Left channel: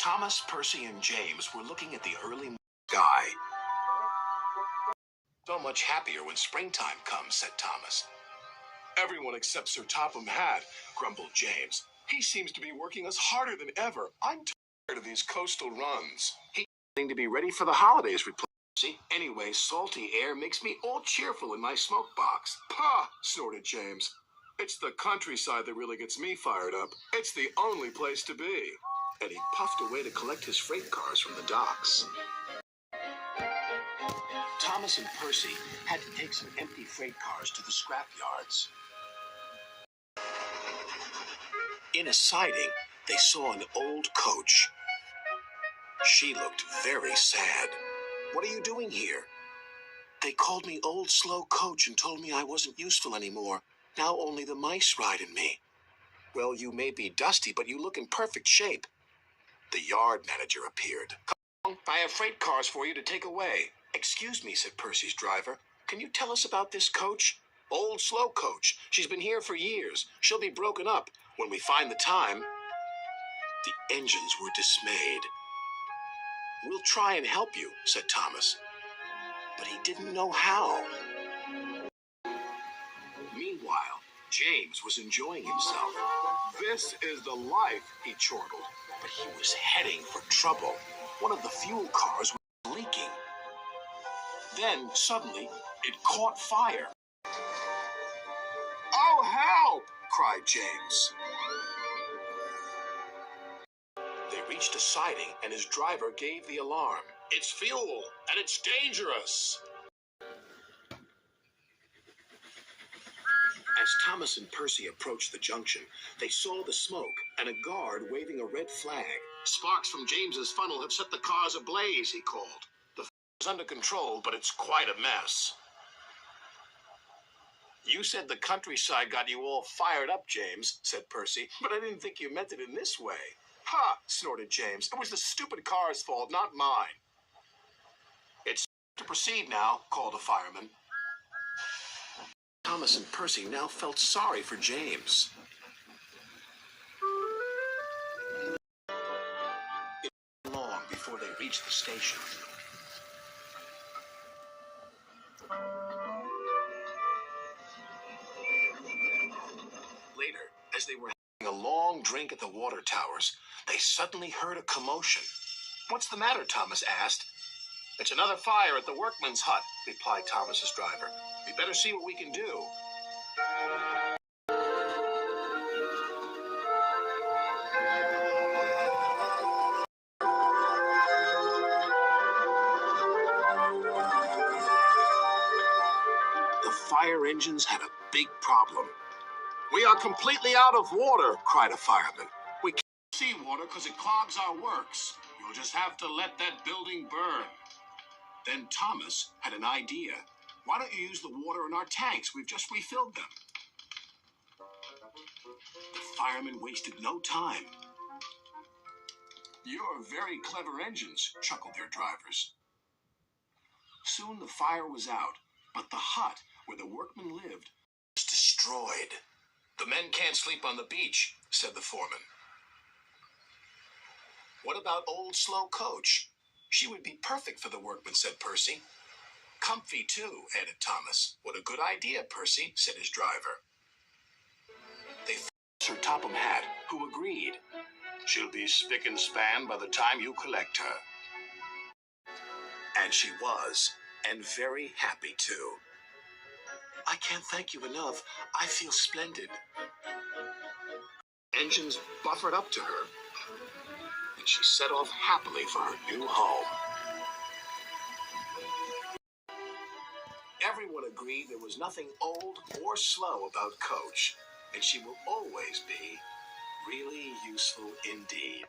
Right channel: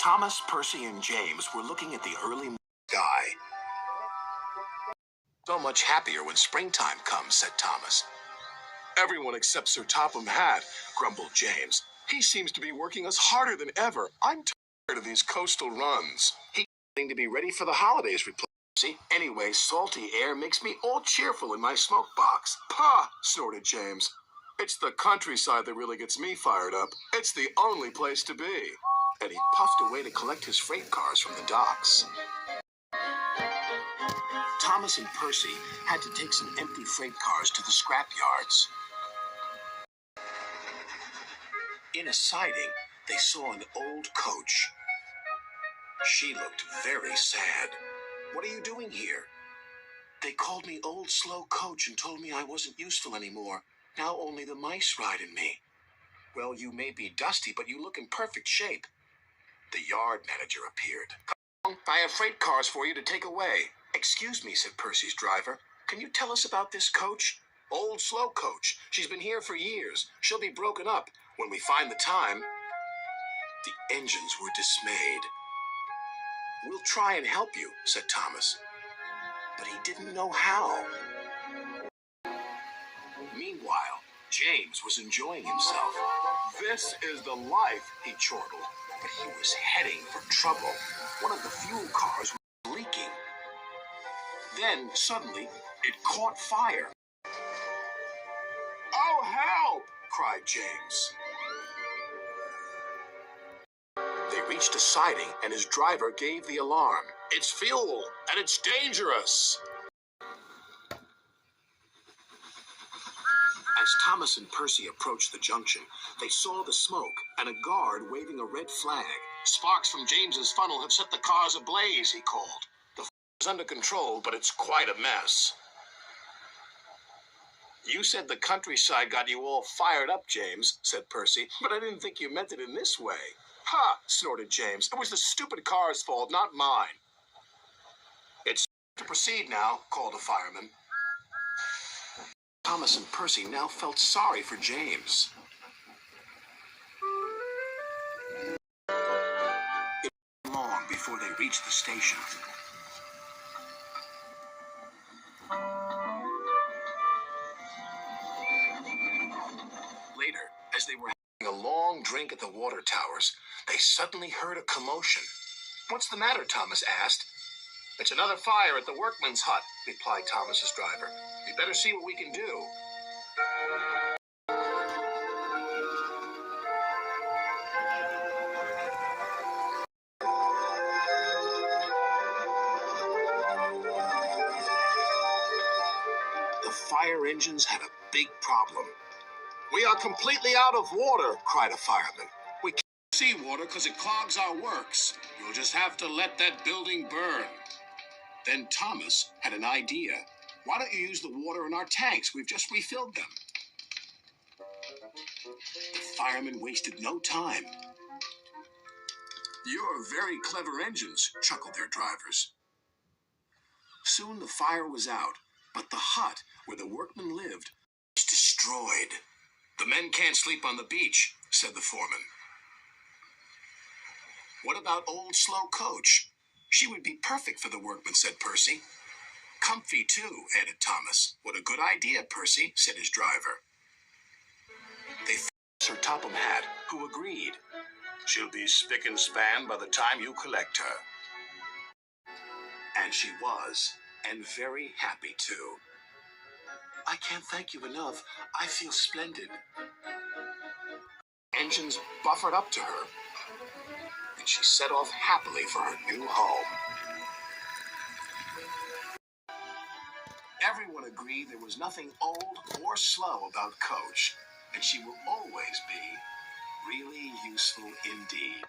Thomas, Percy, and James were looking at the early sky. So much happier when springtime comes, said Thomas. Everyone except Sir Topham Hatt, grumbled James. He seems to be working us harder than ever. I'm tired of these coastal runs. He's getting to be ready for the holidays, replied Percy. Anyway, salty air makes me all cheerful in my smoke box. Pah, snorted James. It's the countryside that really gets me fired up. It's the only place to be. And he puffed away to collect his freight cars from the docks. Thomas and Percy had to take some empty freight cars to the scrap yards. In a siding, they saw an old coach. She looked very sad. What are you doing here? They called me Old Slow Coach and told me I wasn't useful anymore. Now only the mice ride in me. Well, you may be dusty, but you look in perfect shape. The yard manager appeared. Come on, I have freight cars for you to take away. Excuse me, said Percy's driver. Can you tell us about this coach? Old Slow Coach. She's been here for years. She'll be broken up when we find the time. The engines were dismayed. We'll try and help you, said Thomas. But he didn't know how. Meanwhile, James was enjoying himself. This is the life, he chortled. But he was heading for trouble. One of the fuel cars was leaking. Then, suddenly, it caught fire. Oh, help! Cried James. They reached a siding, and his driver gave the alarm. It's fuel, and it's dangerous. As Thomas and Percy approached the junction, they saw the smoke and a guard waving a red flag. Sparks from James's funnel have set the cars ablaze, he called. The fire is under control, but it's quite a mess. You said the countryside got you all fired up, James, said Percy, but I didn't think you meant it in this way. Ha, snorted James. It was the stupid car's fault, not mine. It's to proceed now, called a fireman. Thomas and Percy now felt sorry for James. It wasn't long before they reached the station. Later, as they were having a long drink at the water towers, they suddenly heard a commotion. What's the matter? Thomas asked. It's another fire at the workman's hut, replied Thomas's driver. We better see what we can do. The fire engines had a big problem. We are completely out of water, cried a fireman. We can't see water because it clogs our works. You'll just have to let that building burn. Then Thomas had an idea. Why don't you use the water in our tanks? We've just refilled them. The firemen wasted no time. You're very clever engines, chuckled their drivers. Soon the fire was out, but the hut where the workmen lived was destroyed. The men can't sleep on the beach, said the foreman. What about Old Slow Coach? She would be perfect for the workmen, said Percy. Comfy, too, added Thomas. What a good idea, Percy, said his driver. They found Sir Topham Hatt, who agreed. She'll be spick and span by the time you collect her. And she was, and very happy, too. I can't thank you enough. I feel splendid. Engines buffered up to her, and she set off happily for her new home. Everyone agreed there was nothing old or slow about Coach, and she will always be really useful indeed.